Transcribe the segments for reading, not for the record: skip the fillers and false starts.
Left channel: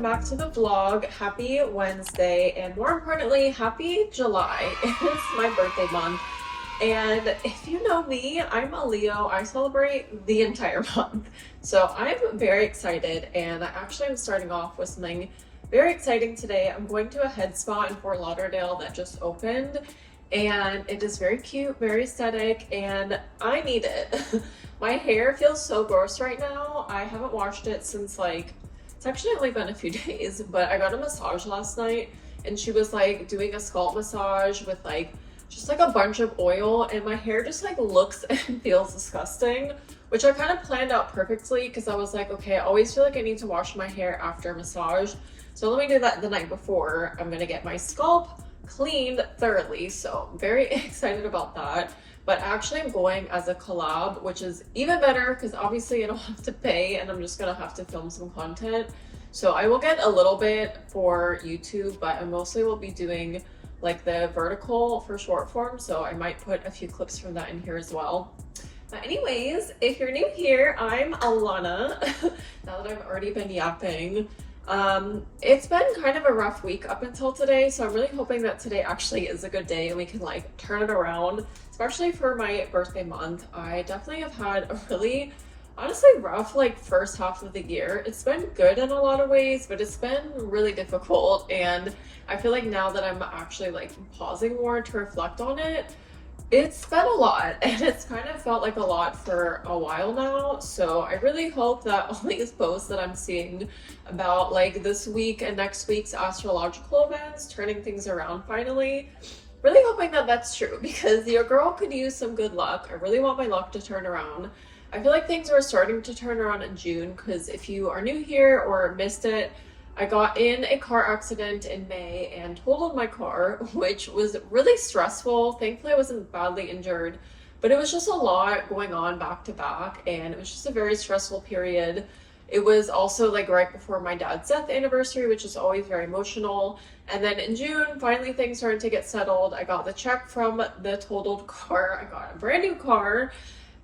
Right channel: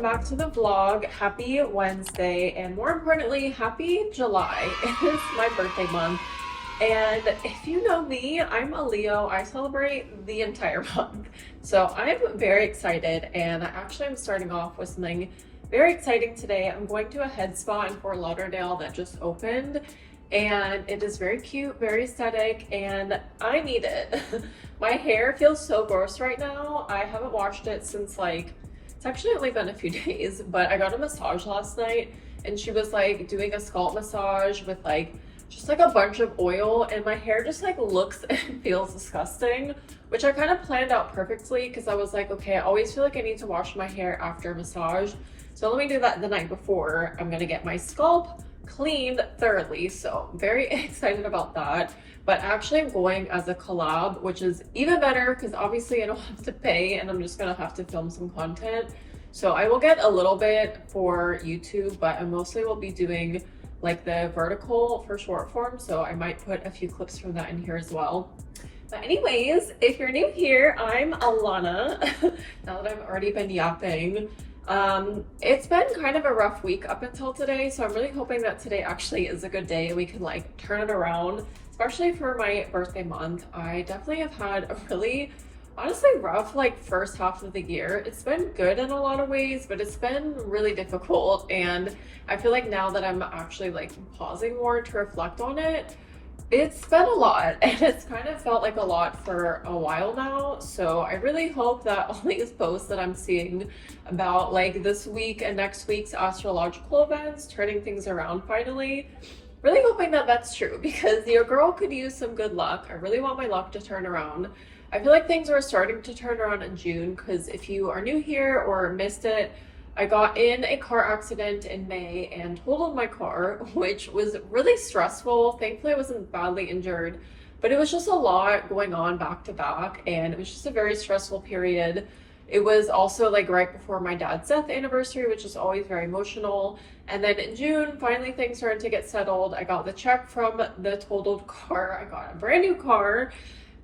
welcome back to the vlog. Happy Wednesday, and more importantly, happy July. It's my birthday month, and if you know me, I'm a Leo. I celebrate the entire month, so I'm very excited, and I actually am starting off with something very exciting today. I'm going to a head spa in Fort Lauderdale that just opened, and it is very cute, very aesthetic, and I need it. My hair feels so gross right now. I haven't washed it since it's actually only been a few days, but I got a massage last night, and she was like doing a scalp massage with just a bunch of oil, and my hair just looks and feels disgusting, which I kind of planned out perfectly because I was like, okay, I always feel like I need to wash my hair after a massage, so let me do that the night before. I'm gonna get my scalp cleaned thoroughly, so I'm very excited about that. But actually I'm going as a collab, which is even better because obviously I don't have to pay, and I'm just gonna have to film some content. So I will get a little bit for YouTube, but I mostly will be doing the vertical for short form, so I might put a few clips from that in here as well. But anyways, if you're new here, I'm Alana. Now that I've already been yapping, it's been kind of a rough week up until today, so I'm really hoping that today actually is a good day. We can turn it around, especially for my birthday month. I definitely have had a really honestly rough first half of the year. It's been good in a lot of ways, but it's been really difficult, and I feel like now that I'm actually pausing more to reflect on it, it's been a lot, and it's kind of felt like a lot for a while now. So I really hope that all these posts that I'm seeing about this week and next week's astrological events turning things around finally, really hoping that that's true, because your girl could use some good luck. I really want my luck to turn around. I feel like things were starting to turn around in June, because if you are new here or missed it, I got in a car accident in May and totaled my car, which was really stressful. Thankfully, I wasn't badly injured, but it was just a lot going on back to back, and it was just a very stressful period. It was also right before my dad's death anniversary, which is always very emotional. And then in June, finally things started to get settled. I got the check from the totaled car. I got a brand new car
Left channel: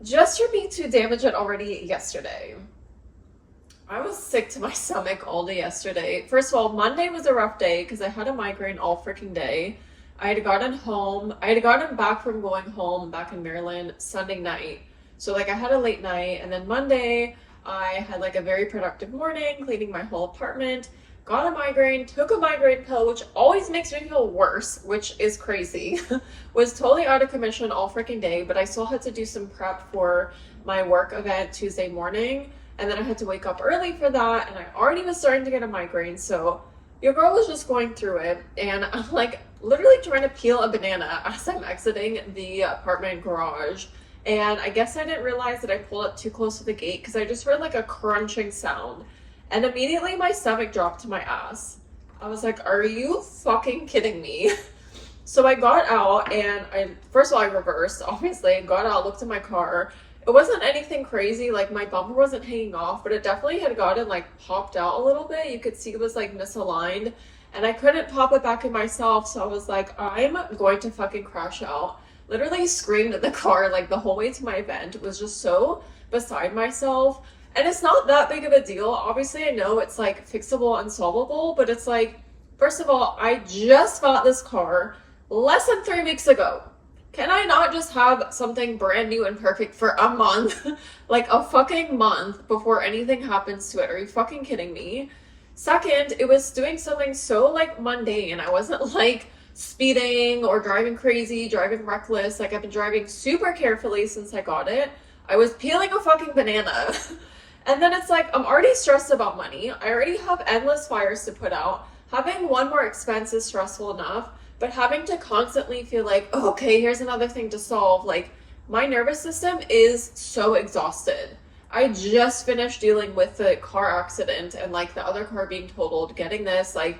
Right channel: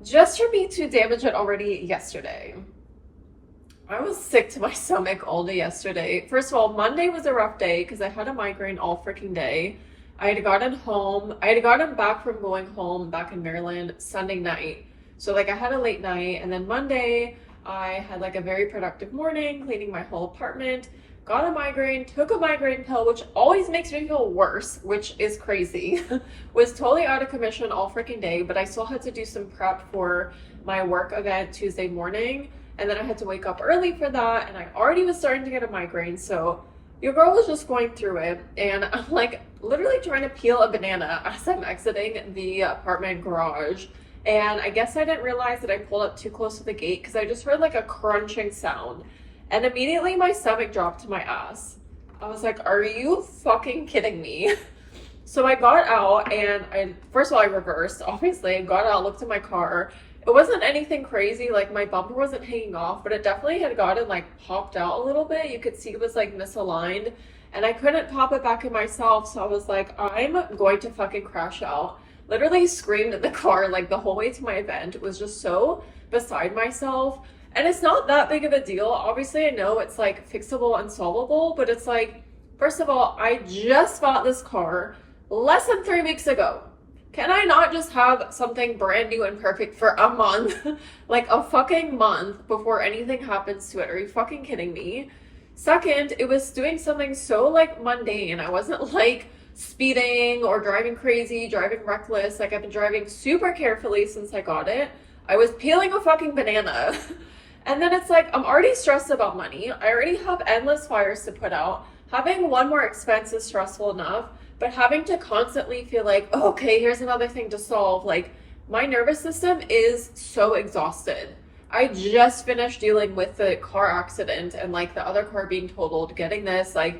just for me to damage it already yesterday. I was sick to my stomach all day yesterday. First of all, Monday was a rough day because I had a migraine all freaking day. I had gotten back from going home back in Maryland Sunday night. So I had a late night, and then Monday I had a very productive morning cleaning my whole apartment, got a migraine, took a migraine pill, which always makes me feel worse, which is crazy. Was totally out of commission all freaking day, but I still had to do some prep for my work event Tuesday morning. And then I had to wake up early for that, and I already was starting to get a migraine, so your girl was just going through it, and I'm literally trying to peel a banana as I'm exiting the apartment garage. And I guess I didn't realize that I pulled up too close to the gate because I just heard a crunching sound, and immediately my stomach dropped to my ass. I was like, are you fucking kidding me? So I got out, and first of all, I reversed, obviously. I got out, looked at my car. It wasn't anything crazy, my bumper wasn't hanging off, but it definitely had gotten popped out a little bit. You could see it was misaligned, and I couldn't pop it back in myself, so I was like, I'm going to fucking crash out. Literally screamed at the car the whole way to my event. It was just so beside myself, and it's not that big of a deal. Obviously, I know it's fixable and solvable, but it's first of all, I just bought this car less than 3 weeks ago. Can I not just have something brand new and perfect for a month? A fucking month before anything happens to it? Are you fucking kidding me? Second, it was doing something so mundane. I wasn't speeding or driving crazy, driving reckless. I've been driving super carefully since I got it. I was peeling a fucking banana. And then it's I'm already stressed about money. I already have endless fires to put out. Having one more expense is stressful enough. But having to constantly feel oh, okay, here's another thing to solve. My nervous system is so exhausted. I just finished dealing with the car accident and the other car being totaled, getting this, I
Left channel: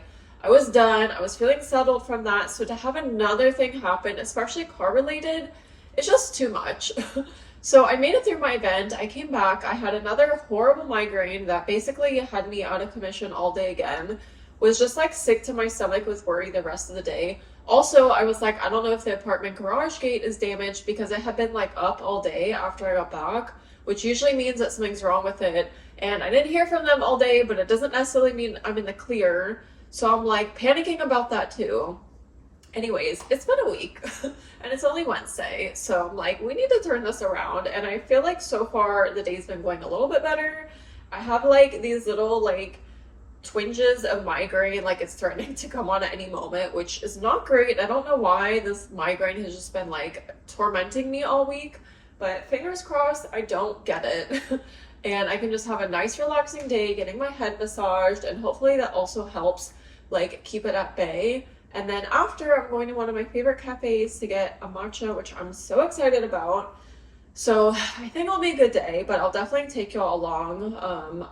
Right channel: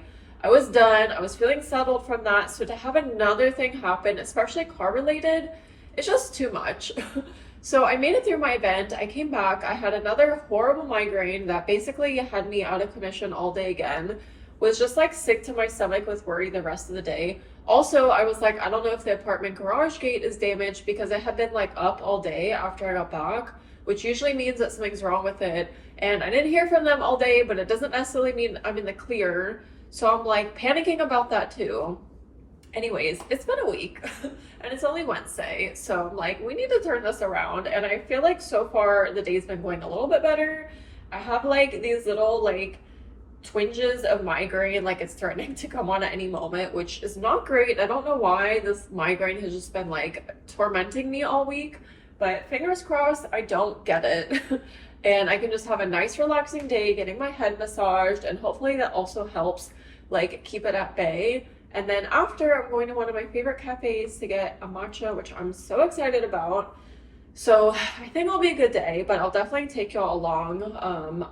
was done. I was feeling settled from that. So to have another thing happen, especially car related, it's just too much. So I made it through my event. I came back. I had another horrible migraine that basically had me out of commission all day again. Was just sick to my stomach, was worried the rest of the day. Also, I was like, I don't know if the apartment garage gate is damaged because it had been like up all day after I got back, which usually means that something's wrong with it. And I didn't hear from them all day, but it doesn't necessarily mean I'm in the clear. So I'm like panicking about that too. Anyways, it's been a week and it's only Wednesday. So I'm like, we need to turn this around. And I feel like so far the day's been going a little bit better. I have like these little like twinges of migraine, like it's threatening to come on at any moment, which is not great. I don't know why this migraine has just been like tormenting me all week, but fingers crossed I don't get it. And I can just have a nice relaxing day getting my head massaged, and hopefully that also helps like keep it at bay. And then after, I'm going to one of my favorite cafes to get a matcha, which I'm so excited about. So I think it'll be a good day, but I'll definitely take y'all along.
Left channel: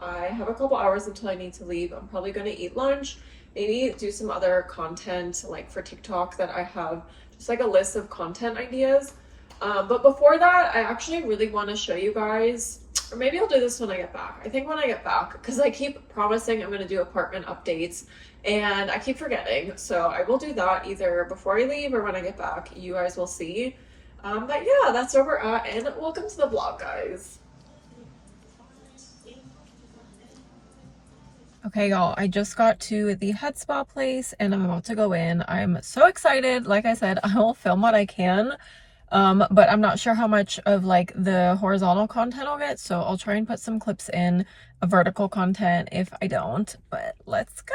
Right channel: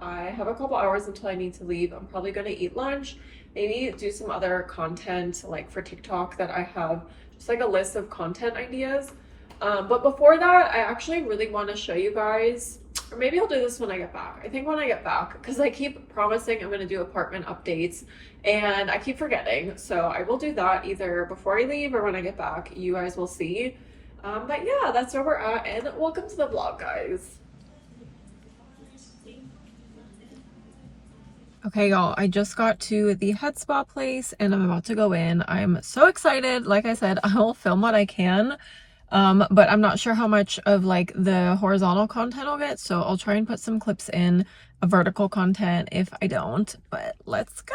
I have a couple hours until I need to leave. I'm probably going to eat lunch, maybe do some other content like for TikTok that I have, just like a list of content ideas. But before that, I actually really want to show you guys, or maybe I'll do this when I get back. I think when I get back, because I keep promising I'm going to do apartment updates and I keep forgetting. So I will do that either before I leave or when I get back. You guys will see. But yeah, that's where we're at, and welcome to the vlog, guys. Okay, y'all, I just got to the head spa place and I'm about to go in. I'm so excited. Like I said, I will film what I can, but I'm not sure how much of like the horizontal content I'll get, so I'll try and put some clips in a vertical content if I don't, but let's go.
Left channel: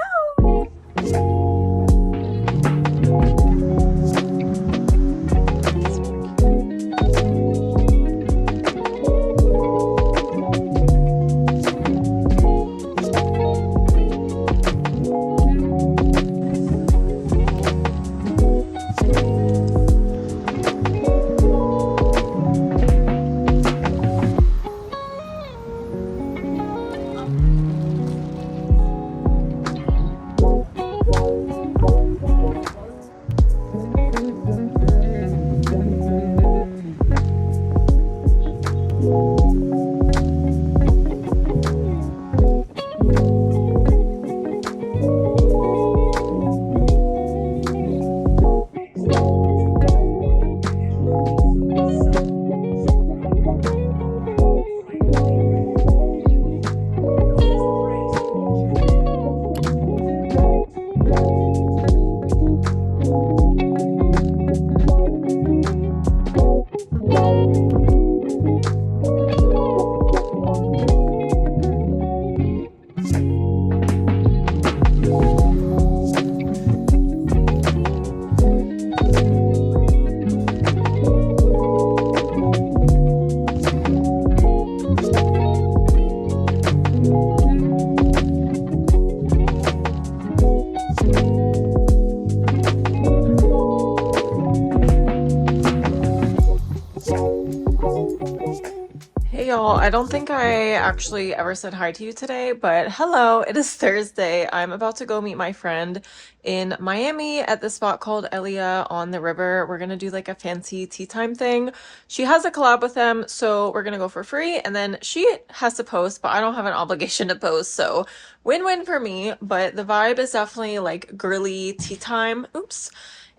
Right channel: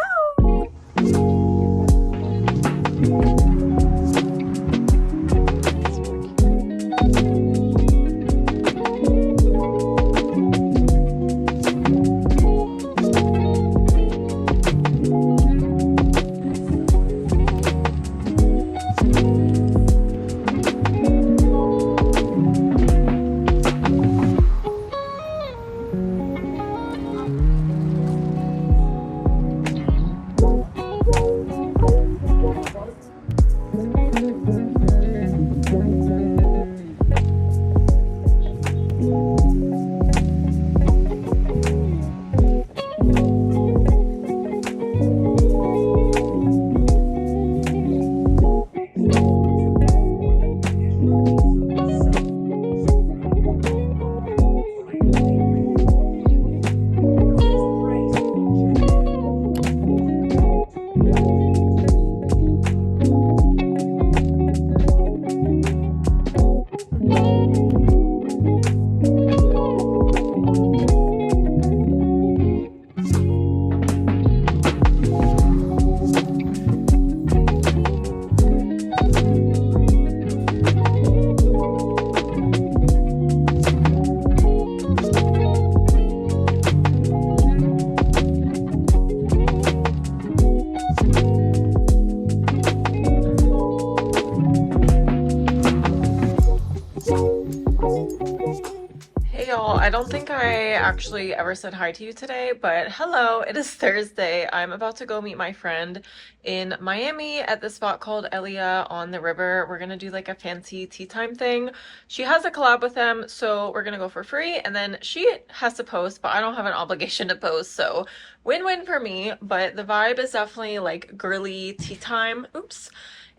I don't think I actually ever said hi to you today, but hello, it is Thursday. I'm about to go meet my friend in Miami at this spot called Elia on the river. We're gonna do like a fancy tea time thing. She has a collab with them, so we're gonna go for free, and then she has to post, but I don't have an obligation to post, so win-win for me. But the vibe is definitely like girly tea time. Oops.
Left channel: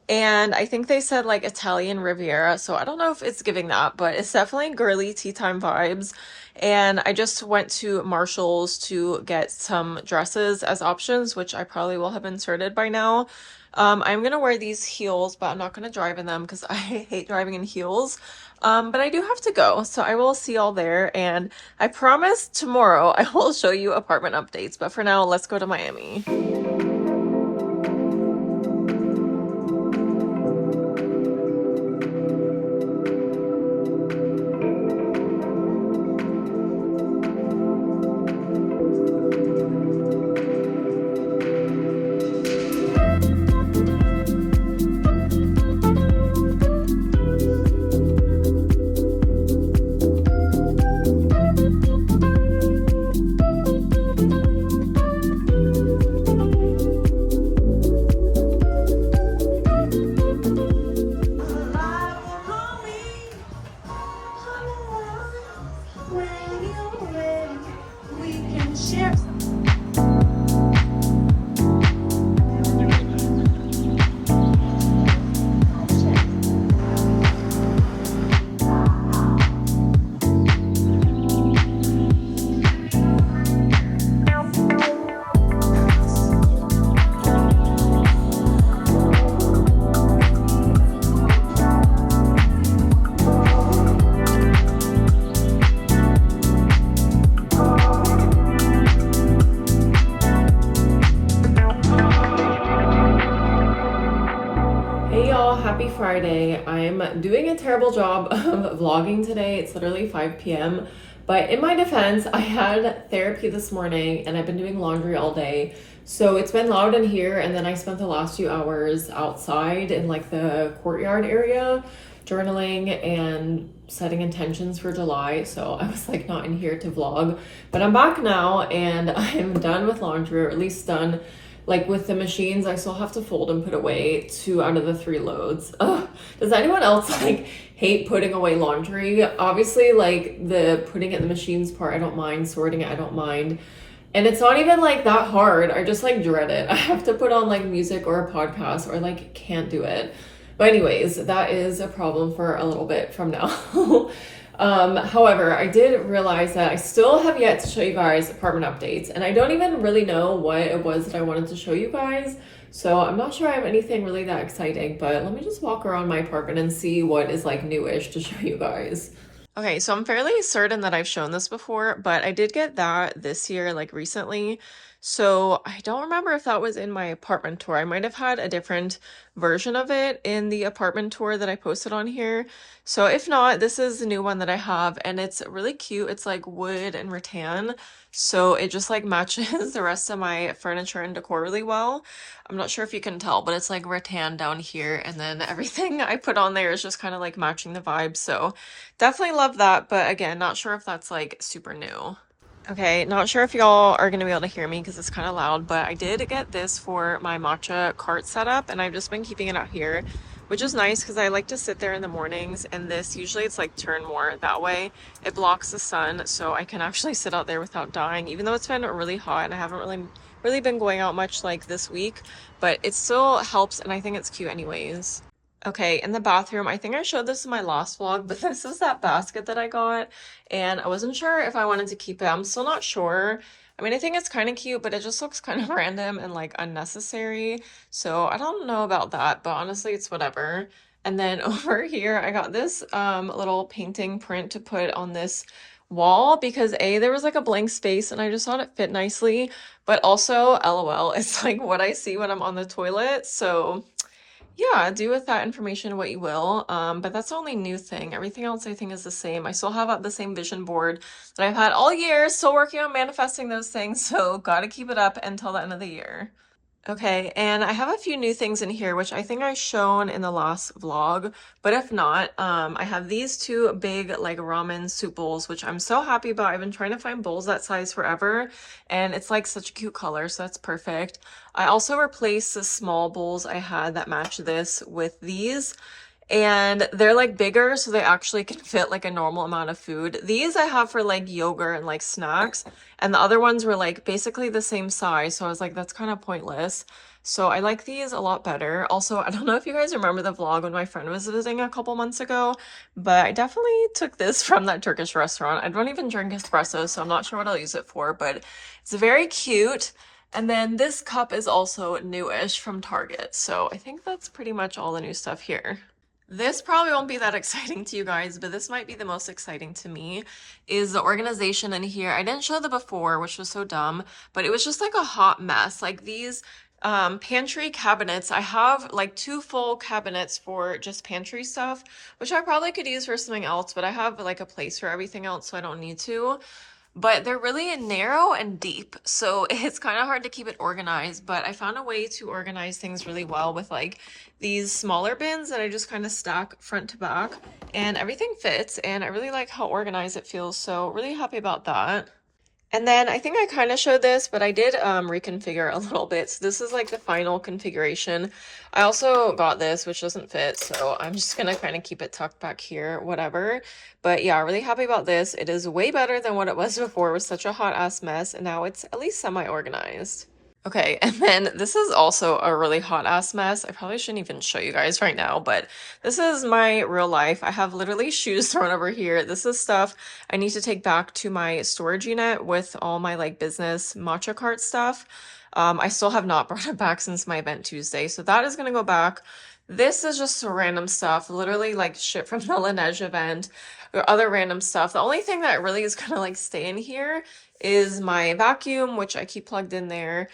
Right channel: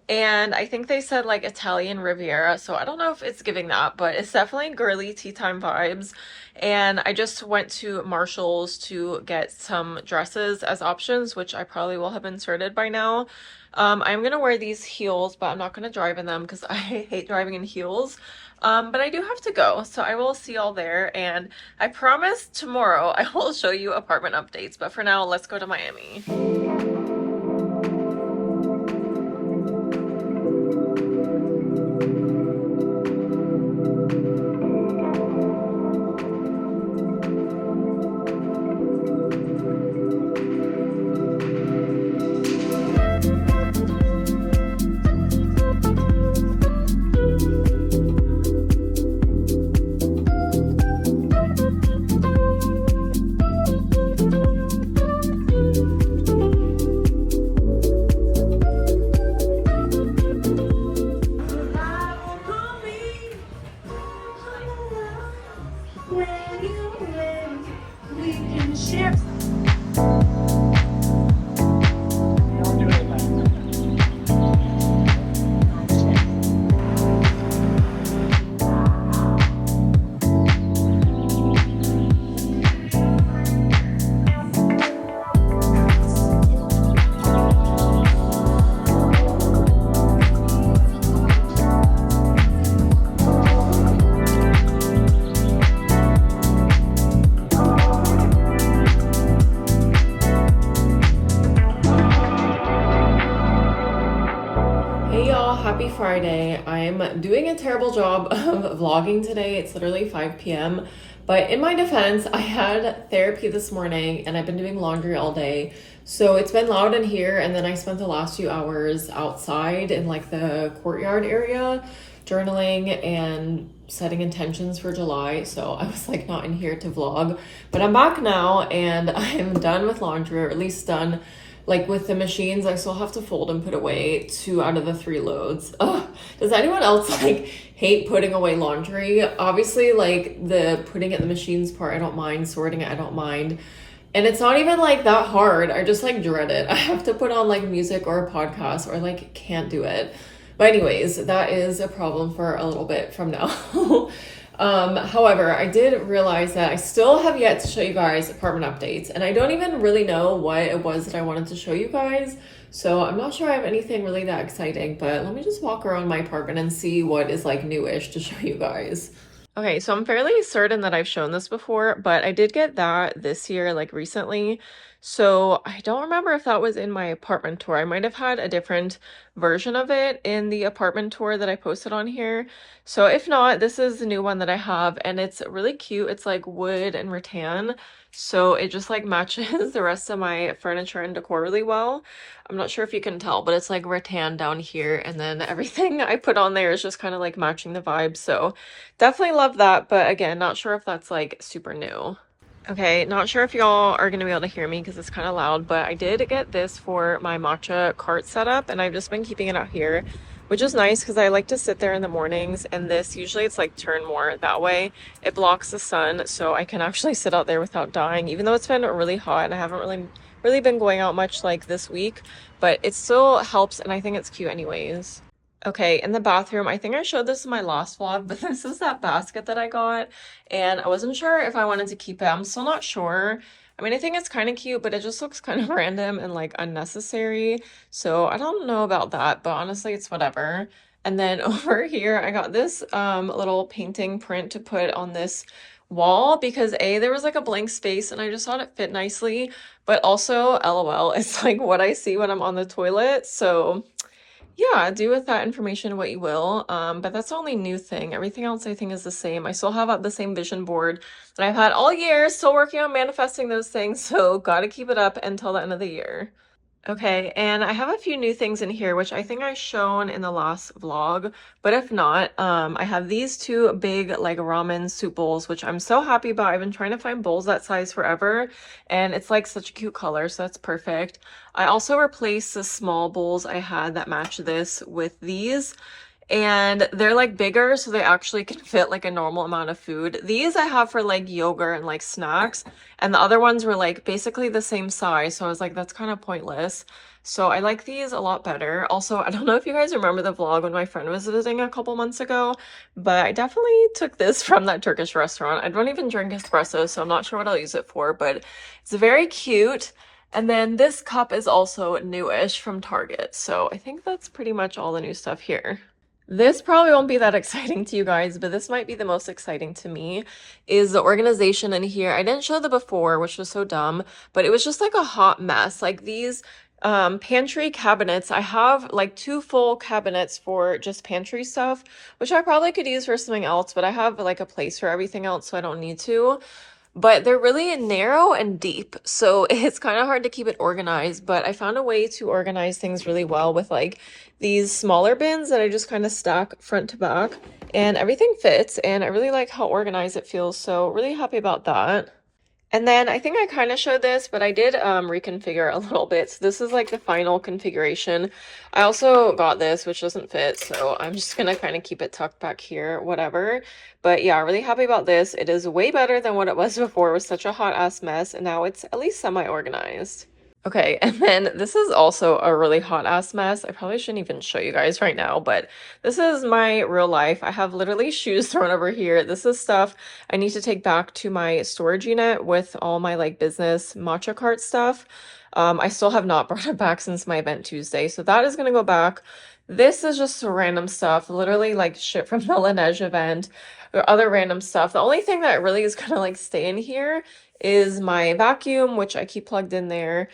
And I think they said like Italian Riviera, so I don't know if it's giving that, but it's definitely girly tea time vibes. And I just went to Marshall's to get some dresses as options, which I probably will have inserted by now. I'm gonna wear these heels, but I'm not gonna drive in them because I hate driving in heels. But I do have to go, so I will see y'all there. And I promise tomorrow I will show you apartment updates. But for now, let's go to Miami. Friday. I'm doing a terrible job of vlogging today. It's literally 5 p.m. But in my defense, I had therapy this morning and I've been doing laundry all day. So it's been loud in here, and then I spent the last few hours outside in like the courtyard area journaling and setting intentions for July. So I was like not in here to vlog. But I'm back now and I'm done with laundry, or at least done like with the machines. I still have to fold and put away 2 out of the 3 loads. Ugh. Does anyone else like hate putting away laundry? Obviously, like the putting it in the machines part, I don't mind. Sorting it, I don't mind. And it's not even like that hard. I just like dread it. I have to put on like music or a podcast, or like can't do it. But anyways, that is a problem for a little bit from now. However, I did realize that I still have yet to show you guys apartment updates, and I don't even really know what it was that I wanted to show you guys. So I'm not sure I have anything really that exciting, but let me just walk around my apartment and see what is like newish to show you guys. Okay, so I'm fairly certain that I've shown this before, but I did get that this year, like recently. So I don't remember if that was in my apartment tour. I might have had a different version of it in the apartment tour that I posted on here. So if not, this is the new one that I have, and it's really cute. It's like wood and rattan. So it just like matches the rest of my furniture and decor really well. I'm not sure if you can tell, but it's like rattan down here, and then everything I put on there is just kind of like matching the vibe. So definitely love that, but again, not sure if that's like super new. Okay, not sure if y'all are going to be able to hear me because it's kind of loud, but I did get this for my matcha cart setup, and I've just been keeping it out here, which is nice because I like to sit there in the mornings, and this usually it's like turned more that way. It blocks the sun, so I can actually sit out there without dying, even though it's been really hot and I haven't really been going out much like this week, but it still helps, and I think it's cute anyways. Okay, in the bathroom, I think I showed this in my last vlog, but this is that basket that I got, and I wasn't sure if I wanted to keep it. I'm still not sure. I mean, I think it's kind of cute, but it just looks kind of random and like unnecessary. So I don't know about that, but honestly, it's whatever. And then over here, I got this little painting print to put on this wall because A, there was like a blank space and I just thought it fit nicely, but also LOL, it's like what I see when I'm on the toilet. So yeah, do with that information what you will. But that's the only new thing. Everything else I think is the same. I still have the same vision board that I've had all year, still working on manifesting those things, so gotta keep it up until the end of the year. Okay, and I have a few new things in here, which I think I shown in the last vlog, but if not, I have these 2 big like ramen soup bowls, which I'm so happy about. I've been trying to find bowls that size forever, and it's like such a cute color, so that's perfect. I also replaced the small bowls I had that match this with these, and they're like bigger, so they actually can fit like a normal amount of food. These I have for like yogurt and like snacks, and the other ones were like basically the same size, so I was like, that's kind of pointless. So I like these a lot better. Also, I don't know if you guys remember the vlog when my friend was visiting a couple months ago, but I definitely took this from that Turkish restaurant. I don't even drink espresso, so I'm not sure what I'll use it for, but it's very cute. And then this cup is also newish from Target, so I think that's pretty much all the new stuff here. This probably won't be that exciting to you guys, but this might be the most exciting to me, is the organization in here. I didn't show the before, which was so dumb, but it was just like a hot mess. Like these pantry cabinets, I have like 2 full cabinets for just pantry stuff, which I probably could use for something else, but I have like a place for everything else, so I don't need to. But they're really narrow and deep, so it's kind of hard to keep it organized, but I found a way to organize things really well with like these smaller bins that I just kind of stack front to back, and everything fits, and I really like how organized it feels, so really happy about that. And then I think I kind of showed this, but I did reconfigure a little bit. So this is like the final configuration. I also got this, which doesn't fit, so I'm just gonna kind of keep it tucked back here, whatever. But yeah, really happy about this. It is way better than what it was before. It was such a hot ass mess, and now it's at least semi-organized. Okay, and then this is also a really hot ass mess. I probably shouldn't even show you guys right now, but this is my real life. I have literally shoes thrown over here. This is stuff I need to take back to my storage unit with all my like business matcha cart stuff. I still have not brought it back since my event Tuesday, so that is gonna go back. This is just random stuff, literally like shit from the Laneige event or other random stuff. The only thing that really is gonna like stay in here is my vacuum, which I keep plugged in there,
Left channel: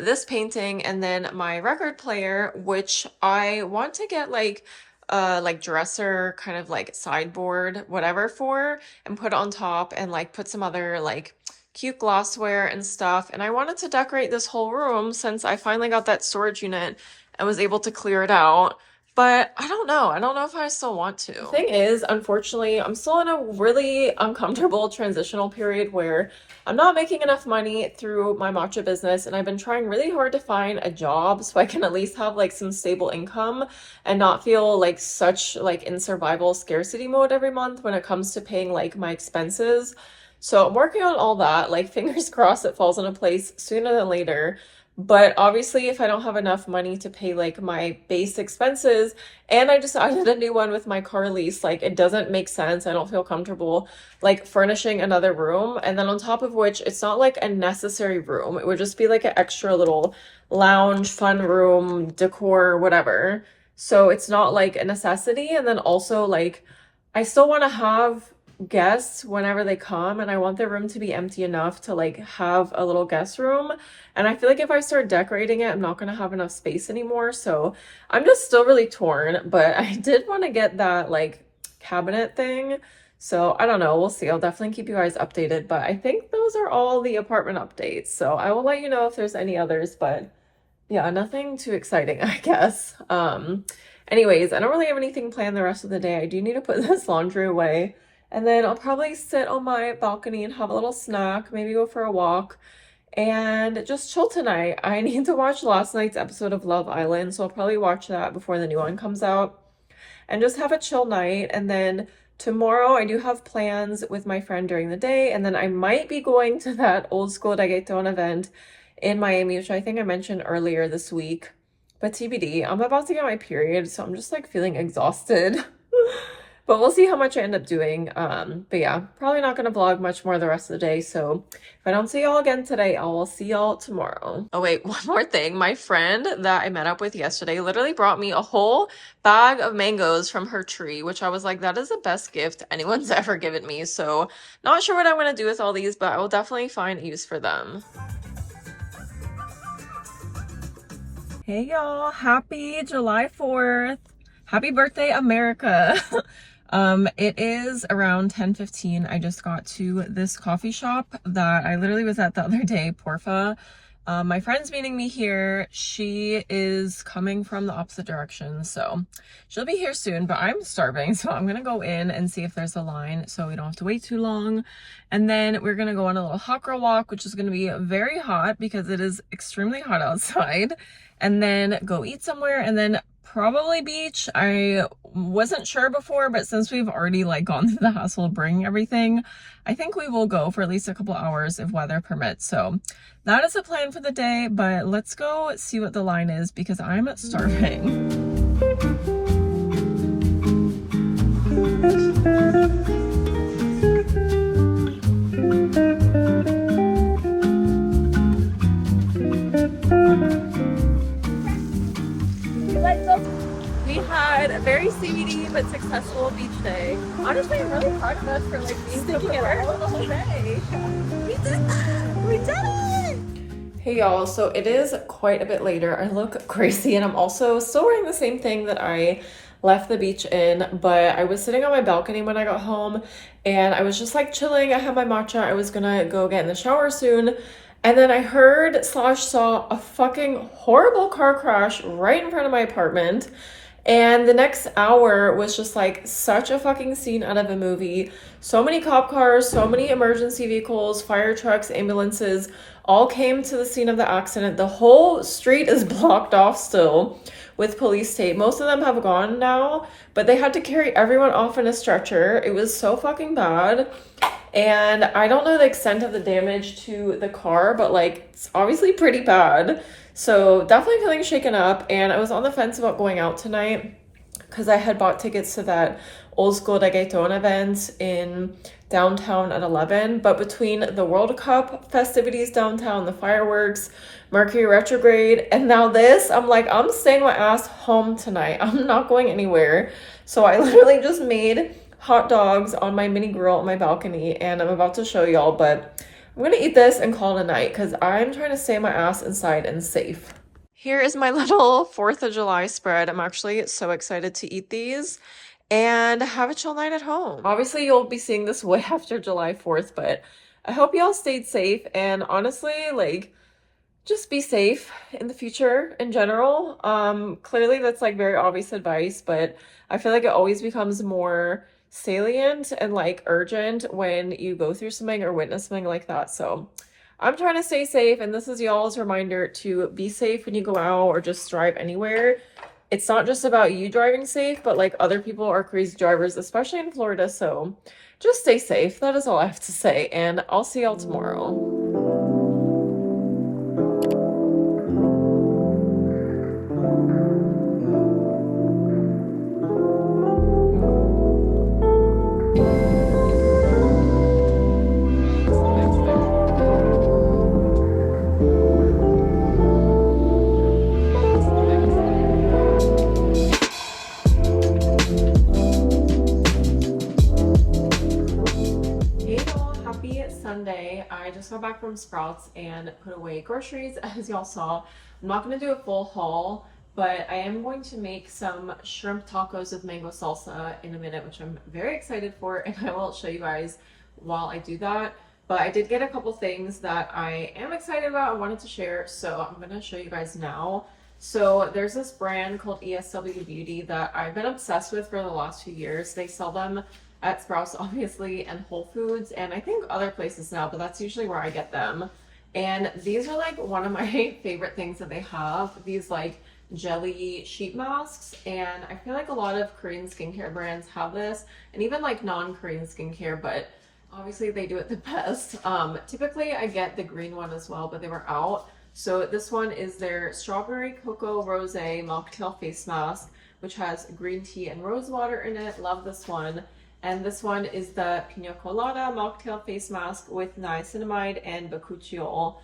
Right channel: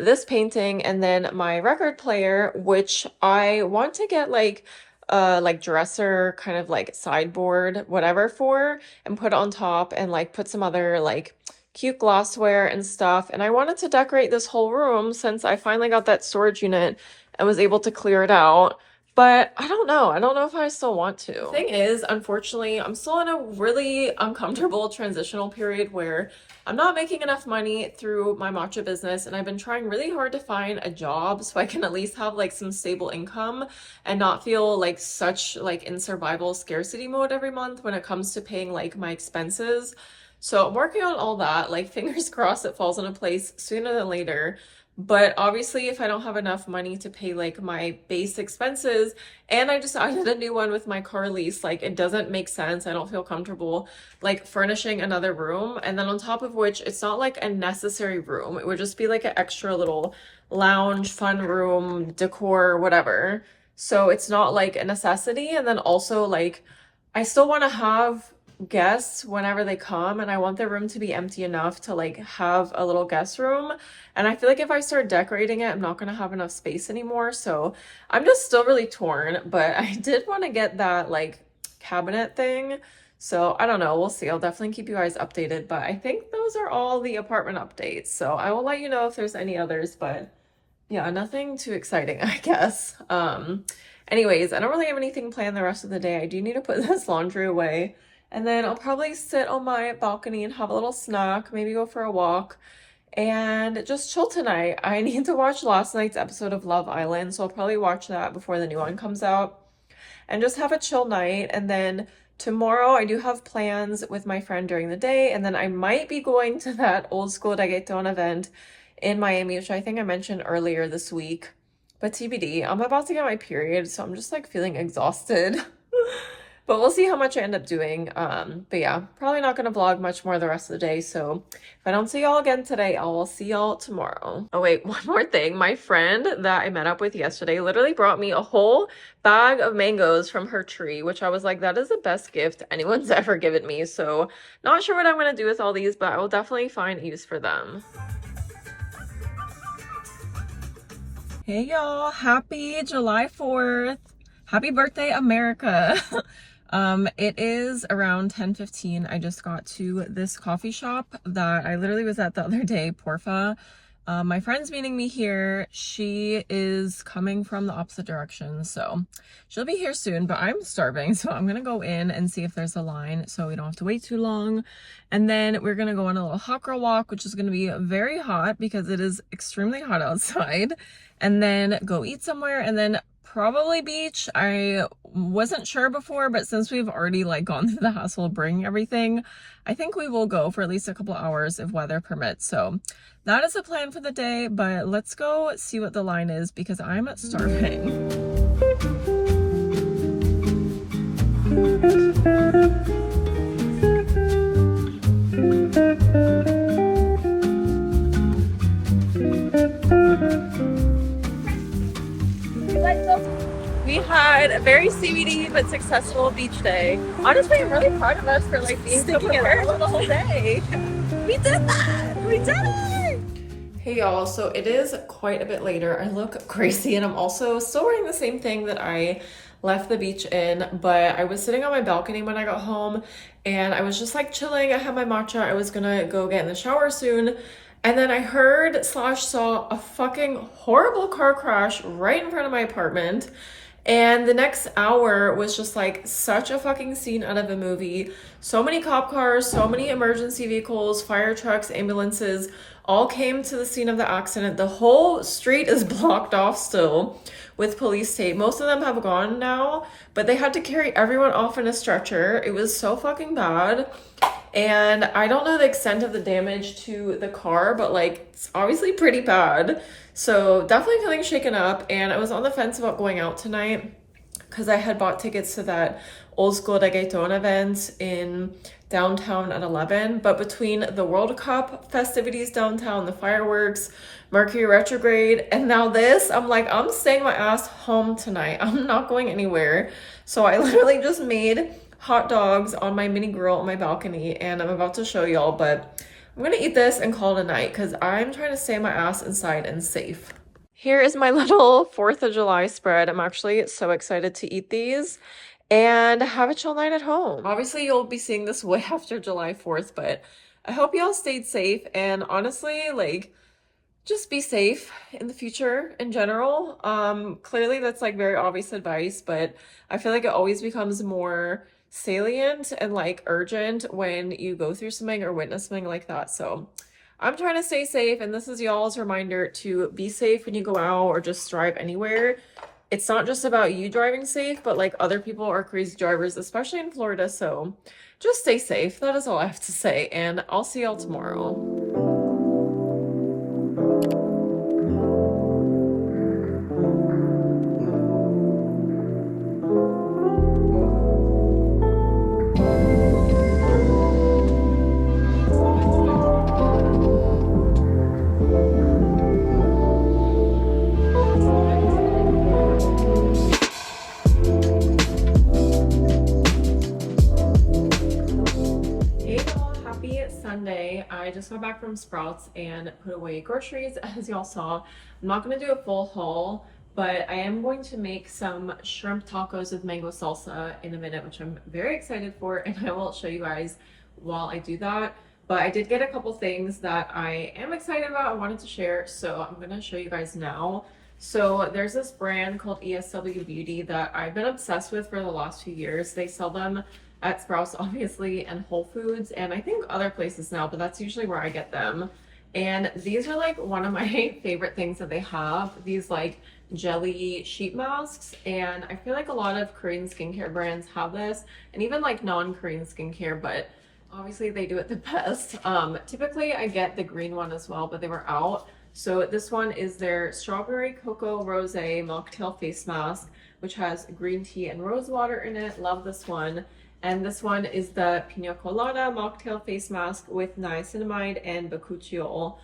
this painting, and then my record player, which I want to get like like dresser kind of like sideboard whatever for, and put it on top and like put some other like cute glassware and stuff. And I wanted to decorate this whole room since I finally got that storage unit and was able to clear it out. But I don't know. I don't know if I still want to. The thing is, unfortunately, I'm still in a really uncomfortable transitional period where I'm not making enough money through my matcha business, and I've been trying really hard to find a job so I can at least have like some stable income and not feel like such like in survival scarcity mode every month when it comes to paying like my expenses. So I'm working on all that, like fingers crossed it falls into place sooner than later. But obviously, if I don't have enough money to pay like my base expenses, and I decided a new one with my car lease, like it doesn't make sense. I don't feel comfortable like furnishing another room. And then on top of which, it's not like a necessary room. It would just be like an extra little lounge, fun room, decor, whatever. So it's not like a necessity. And then also like I still want to have guests whenever they come, and I want the room to be empty enough to like have a little guest room. And I feel like if I start decorating it, I'm not going to have enough space anymore. So I'm just still really torn, but I did want to get that like cabinet thing. So I don't know, we'll see. I'll definitely keep you guys updated, but I think those are all the apartment updates. So I will let you know if there's any others, but yeah, nothing too exciting, I guess. Anyways, I don't really have anything planned the rest of the day. I do need to put this laundry away. And then I'll probably sit on my balcony and have a little snack, maybe go for a walk, and just chill tonight. I need to watch last night's episode of Love Island, so I'll probably watch that before the new one comes out and just have a chill night. And then tomorrow I do have plans with my friend during the day, and then I might be going to that old school reggaeton event in Miami, which I think I mentioned earlier this week. But TBD, I'm about to get my period, so I'm just like feeling exhausted. But we'll see how much I end up doing. But yeah, probably not going to vlog much more the rest of the day. So if I don't see y'all again today, I will see y'all tomorrow. Oh wait, one more thing. My friend that I met up with yesterday literally brought me a whole bag of mangoes from her tree, which I was like, that is the best gift anyone's ever given me. So not sure what I'm going to do with all these, but I will definitely find use for them. Hey y'all, happy July 4th. Happy birthday, America. It is around 10:15. I just got to this coffee shop that I literally was at the other day, Porfa. My friend's meeting me here. She is coming from the opposite direction, so she'll be here soon, but I'm starving, so I'm gonna go in and see if there's a line so we don't have to wait too long. And then we're gonna go on a little hot girl walk, which is gonna be very hot because it is extremely hot outside, and then go eat somewhere, and then probably beach. I wasn't sure before, but since we've already like gone through the hassle of bringing everything, I think we will go for at least a couple hours if weather permits. So that is the plan for the day, but let's go see what the line is because I'm starving. We had a very CBD but successful beach day. Honestly, I'm really proud of us for like being so prepared for the whole day. We did that! We did it! Hey y'all, so it is quite a bit later. I look crazy and I'm also still wearing the same thing that I left the beach in, but I was sitting on my balcony when I got home and I was just like chilling. I had my matcha. I was gonna go get in the shower soon. And then I heard / saw a fucking horrible car crash right in front of my apartment. And the next hour was just like such a fucking scene out of a movie. So many cop cars, so many emergency vehicles, fire trucks, ambulances, all came to the scene of the accident. The whole street is blocked off still with police tape. Most of them have gone now, but they had to carry everyone off in a stretcher. It was so fucking bad. And I don't know the extent of the damage to the car, but like it's obviously pretty bad. So definitely feeling shaken up, and I was on the fence about going out tonight because I had bought tickets to that old school reggaeton event in downtown at 11. But between the World Cup festivities downtown, the fireworks, Mercury retrograde, and now this, I'm like, I'm staying my ass home tonight. I'm not going anywhere. So I literally just made hot dogs on my mini grill on my balcony, and I'm about to show y'all, but I'm gonna eat this and call it a night because I'm trying to stay my ass inside and safe. Here is my little 4th of July spread. I'm actually so excited to eat these and have a chill night at home. Obviously, you'll be seeing this way after July 4th, but I hope y'all stayed safe. And honestly, like, just be safe in the future in general. Clearly that's like very obvious advice, but I feel like it always becomes more salient and like urgent when you go through something or witness something like that. So I'm trying to stay safe, and this is y'all's reminder to be safe when you go out or just drive anywhere. It's not just about you driving safe, but like other people are crazy drivers, especially in Florida. So just stay safe. That is all I have to say, and I'll see y'all tomorrow. Sunday, I just got back from Sprouts and put away groceries, as y'all saw. I'm not going to do a full haul, but I am going to make some shrimp tacos with mango salsa in a minute, which I'm very excited for, and I will show you guys while I do that. But I did get a couple things that I am excited about and wanted to share, so I'm going to show you guys now. So there's this brand called ESW Beauty that I've been obsessed with for the last few years. They sell them at Sprouts, obviously, and Whole Foods, and I think other places now, but that's usually where I get them. And these are like one of my favorite things that they have, these like jelly sheet masks. And I feel like a lot of Korean skincare brands have this, and even like non-Korean skincare, but obviously they do it the best. Typically I get the green one as well, but they were out. So this one is their Strawberry Cocoa Rose Mocktail Face Mask, which has green tea and rose water in it. Love this one. And this one is the Pina Colada Mocktail Face Mask with niacinamide and bakuchiol.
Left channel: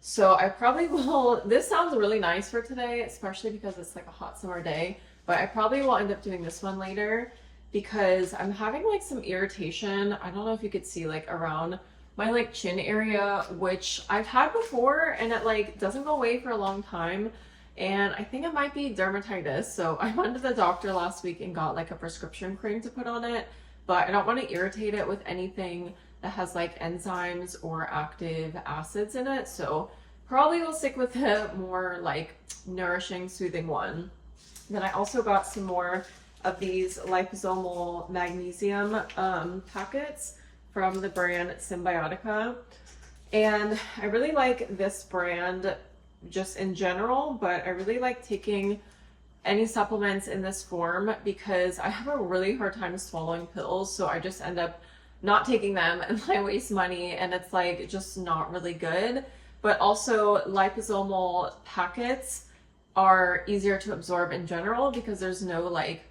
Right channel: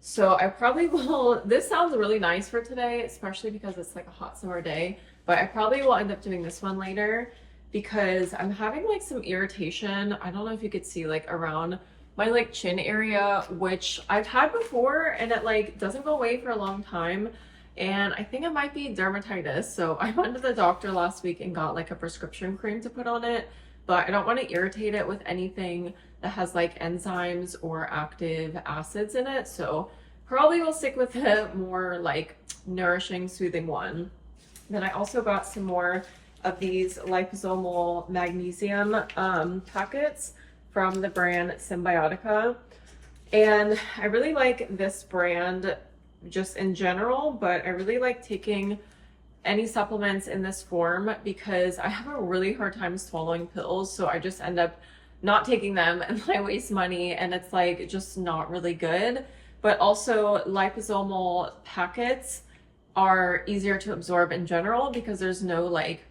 So I probably will, this sounds really nice for today, especially because it's like a hot summer day, but I probably will end up doing this one later because I'm having like some irritation. I don't know if you could see like around my like chin area, which I've had before, and it like doesn't go away for a long time. And I think it might be dermatitis. So I went to the doctor last week and got like a prescription cream to put on it, but I don't want to irritate it with anything that has like enzymes or active acids in it. So probably will stick with a more like nourishing, soothing one. Then I also got some more of these liposomal magnesium packets from the brand Symbiotica. And I really like this brand just in general, but I really like taking any supplements in this form because I have a really hard time swallowing pills. So I just end up not taking them and I waste money, and it's like just not really good. But also liposomal packets are easier to absorb in general because there's no like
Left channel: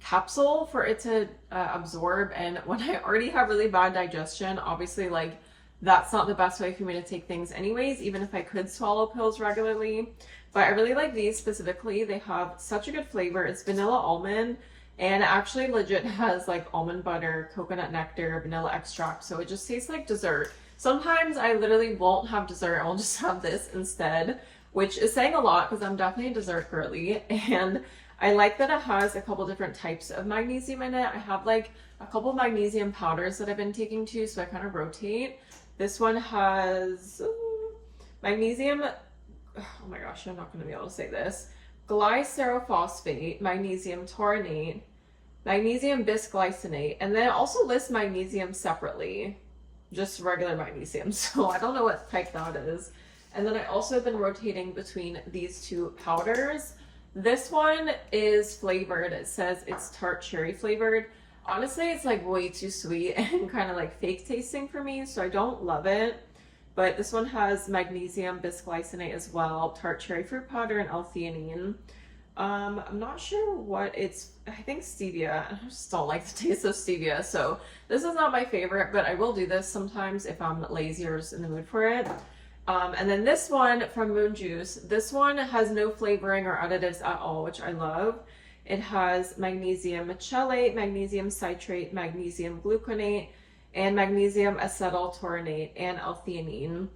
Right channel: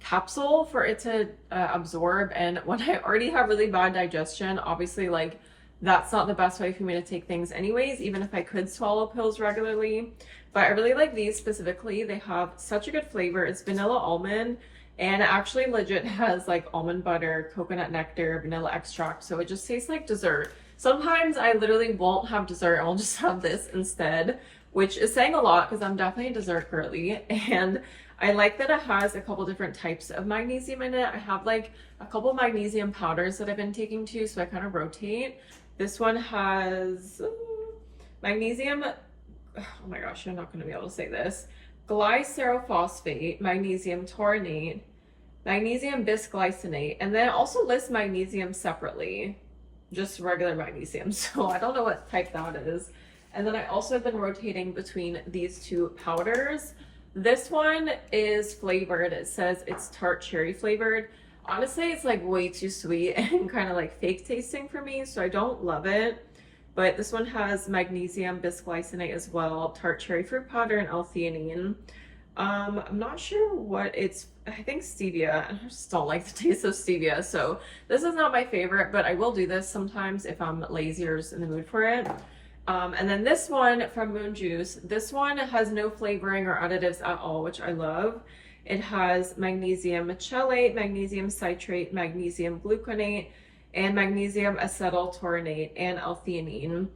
capsule for it to absorb. And when I already have really bad digestion, obviously like that's not the best way for me to take things anyways, even if I could swallow pills regularly. But I really like these specifically. They have such a good flavor. It's vanilla almond, and it actually legit has like almond butter, coconut nectar, vanilla extract. So it just tastes like dessert. Sometimes I literally won't have dessert. I'll just have this instead, which is saying a lot because I'm definitely a dessert girly. And I like that it has a couple different types of magnesium in it. I have like a couple magnesium powders that I've been taking too, so I kind of rotate. This one has magnesium, oh my gosh, I'm not going to be able to say this, glycerophosphate, magnesium taurinate, magnesium bisglycinate, and then it also lists magnesium separately, just regular magnesium. So I don't know what type that is. And then I also have been rotating between these two powders. This one is flavored. It says it's tart cherry flavored. Honestly, it's like way too sweet and kind of like fake tasting for me, so I don't love it. But this one has magnesium bisglycinate as well, tart cherry fruit powder, and L-theanine. I'm not sure what it's, I think stevia. I just don't like the taste of stevia, so this is not my favorite, but I will do this sometimes if I'm lazy or just in the mood for it. And then this one from Moon Juice, this one has no flavoring or additives at all, which I love. It has magnesium chelate, magnesium citrate, magnesium gluconate, and magnesium acetyl taurinate, and L-theanine.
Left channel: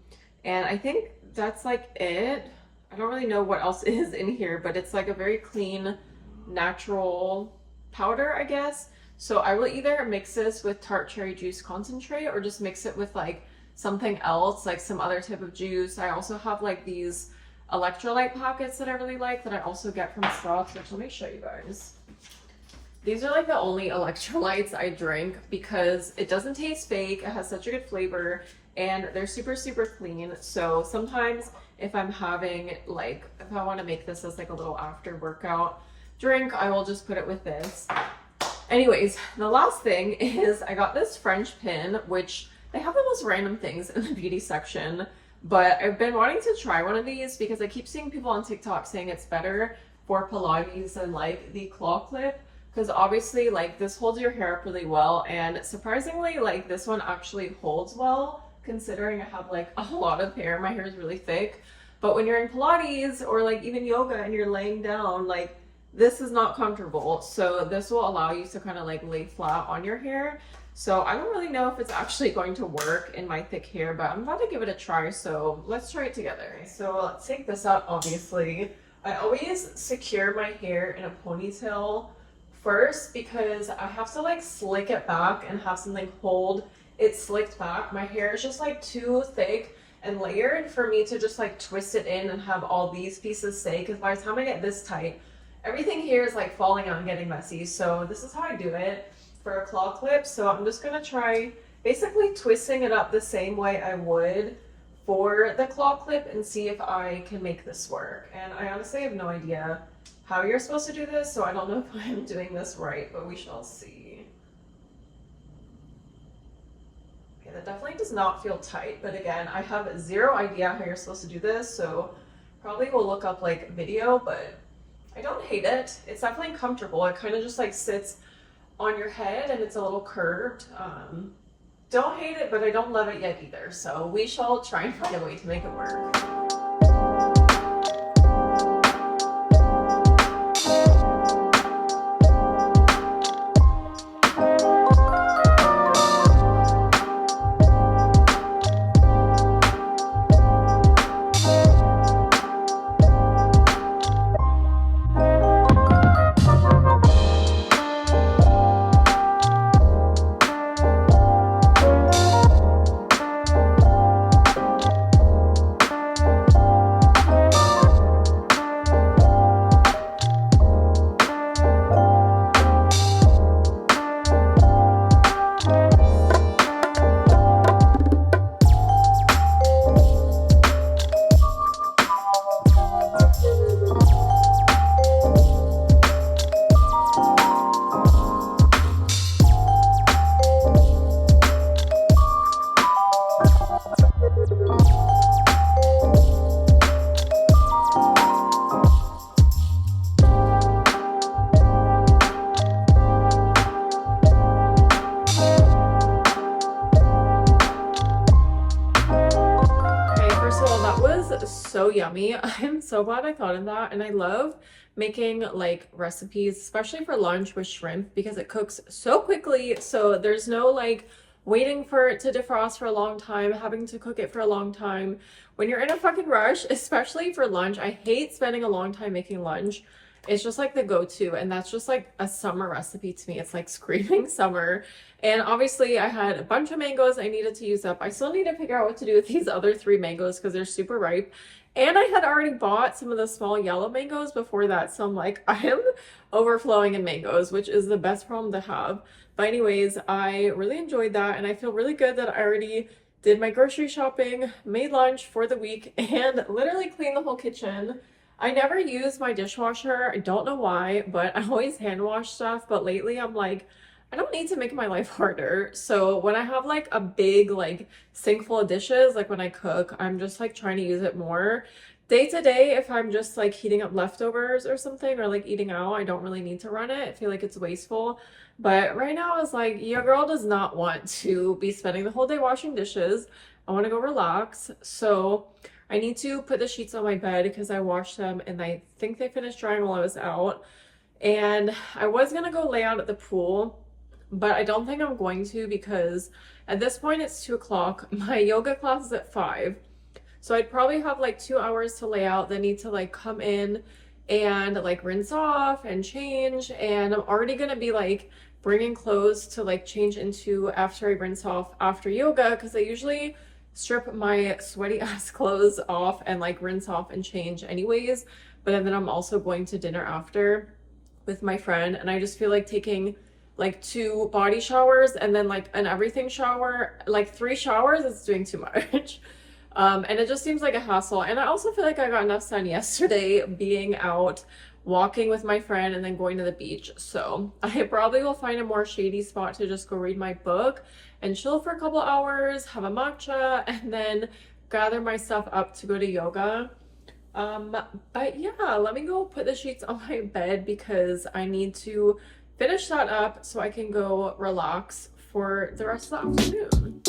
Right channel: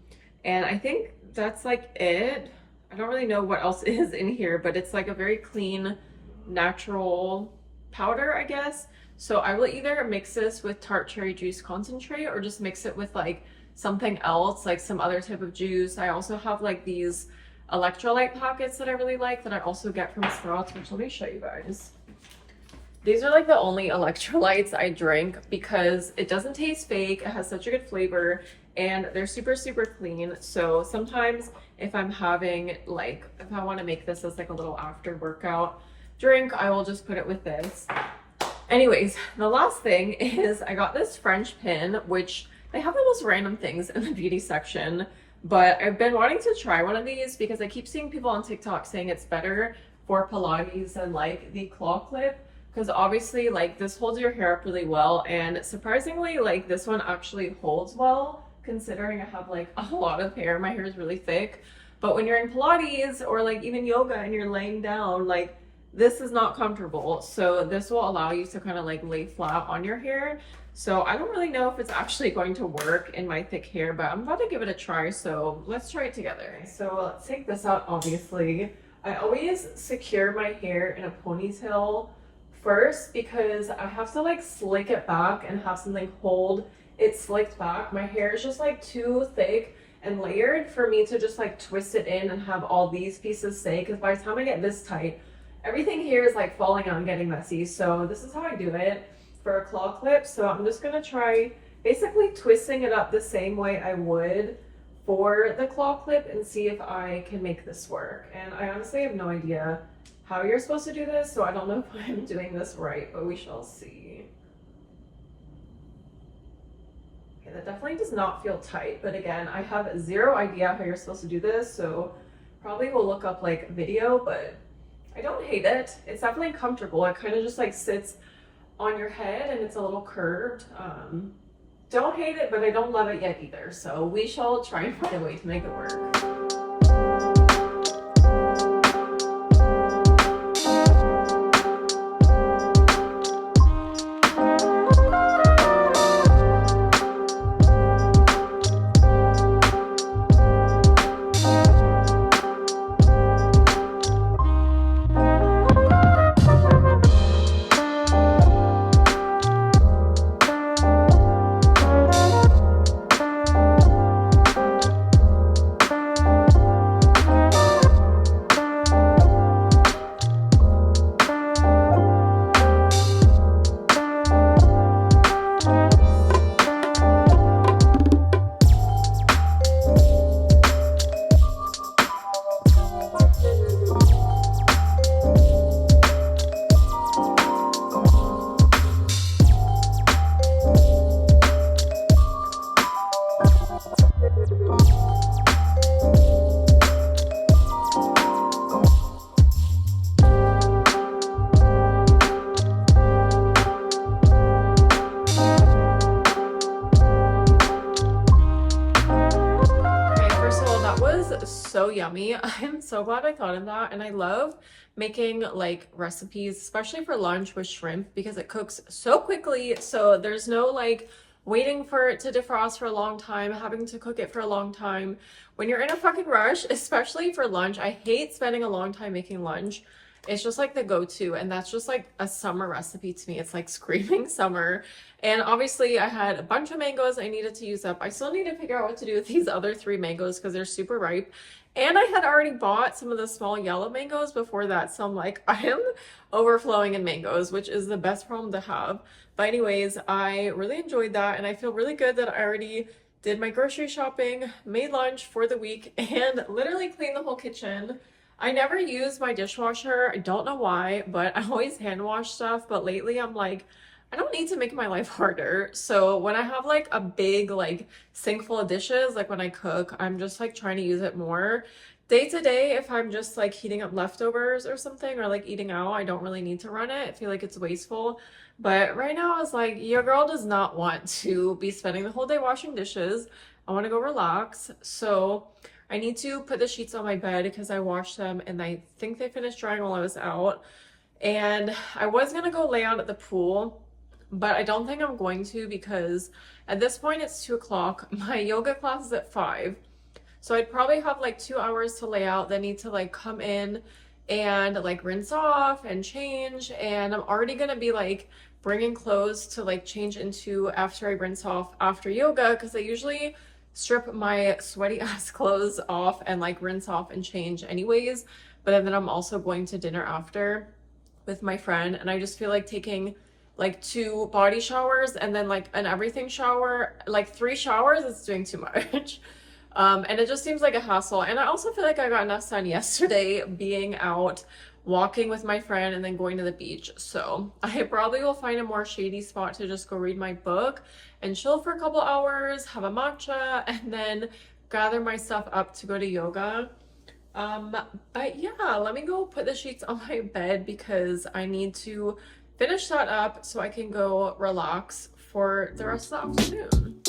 And I think that's like it. I don't really know what else is in here, but it's like a very clean, natural powder, I guess. So I will either mix this with tart cherry juice concentrate or just mix it with like something else, like some other type of juice. I also have like these electrolyte packets that I really like that I also get from Sprouts, which let me show you guys. These are like the only electrolytes I drink because it doesn't taste fake. It has such a good flavor and they're super, super clean. So sometimes if I'm having like, if I want to make this as like a little after workout drink, I will just put it with this. Anyways, the last thing is I got this French pin, which they have the most random things in the beauty section, but I've been wanting to try one of these because I keep seeing people on TikTok saying it's better for Pilates than like the claw clip. Because obviously like this holds your hair up really well, and surprisingly like this one actually holds well considering I have like a lot of hair. My hair is really thick, but when you're in Pilates or like even yoga and you're laying down, like this is not comfortable. So this will allow you to kind of like lay flat on your hair. So I don't really know if it's actually going to work in my thick hair, but I'm about to give it a try. So let's try it together. So let's take this out. Obviously I always secure my hair in a ponytail first because I have to like slick it back and have something hold it slicked back. My hair is just like too thick and layered for me to just like twist it in and have all these pieces stay, because by the time I get this tight, everything here is like falling out and getting messy. So this is how I do it for a claw clip. So I'm just gonna try basically twisting it up the same way I would for the claw clip and see if I can make this work. And I honestly have no idea how you're supposed to do this, so I don't know if I'm doing this right, but we shall see. Okay, that definitely does not feel tight, but again, I have zero idea how you're supposed to do this, so probably will look up like video, but I don't hate it. It's definitely comfortable. It kind of just like sits on your head and it's a little curved. Don't hate it, but I don't love it yet either, so we shall try and find a way to make it work. So yummy. I'm so glad I thought of that, and I love making like recipes, especially for lunch with shrimp, because it cooks so quickly, so there's no like waiting for it to defrost for a long time, having to cook it for a long time when you're in a fucking rush, especially for lunch. I hate spending a long time making lunch. It's just like the go-to, and that's just like a summer recipe to me. It's like screaming summer. And obviously I had a bunch of mangoes I needed to use up. I still need to figure out what to do with these other 3 mangoes because they're super ripe. And I had already bought some of the small yellow mangoes before that. So I'm like, I am overflowing in mangoes, which is the best problem to have. But anyways, I really enjoyed that. And I feel really good that I already did my grocery shopping, made lunch for the week, and literally cleaned the whole kitchen. I never use my dishwasher. I don't know why, but I always hand wash stuff. But lately I'm like, I don't need to make my life harder. So when I have like a big like sink full of dishes, like when I cook, I'm just like trying to use it more. Day to day, if I'm just like heating up leftovers or something, or like eating out, I don't really need to run it. I feel like it's wasteful. But right now I was like, your girl does not want to be spending the whole day washing dishes. I want to go relax. So I need to put the sheets on my bed because I washed them and I think they finished drying while I was out. And I was gonna go lay out at the pool, but I don't think I'm going to because at this point it's 2 o'clock. My yoga class is at 5. So I'd probably have like 2 hours to lay out, then need to like come in and like rinse off and change. And I'm already gonna be like bringing clothes to like change into after I rinse off after yoga, because I usually strip my sweaty ass clothes off and like rinse off and change anyways. But then I'm also going to dinner after with my friend, and I just feel like taking like 2 body showers and then like an everything shower, like 3 showers, is doing too much. And it just seems like a hassle. And I also feel like I got enough sun yesterday being out walking with my friend and then going to the beach. So I probably will find a more shady spot to just go read my book and chill for a couple hours, have a matcha, and then gather my stuff up to go to yoga. But yeah, let me go put the sheets on my bed because I need to finish that up so I can go relax for the rest of the afternoon.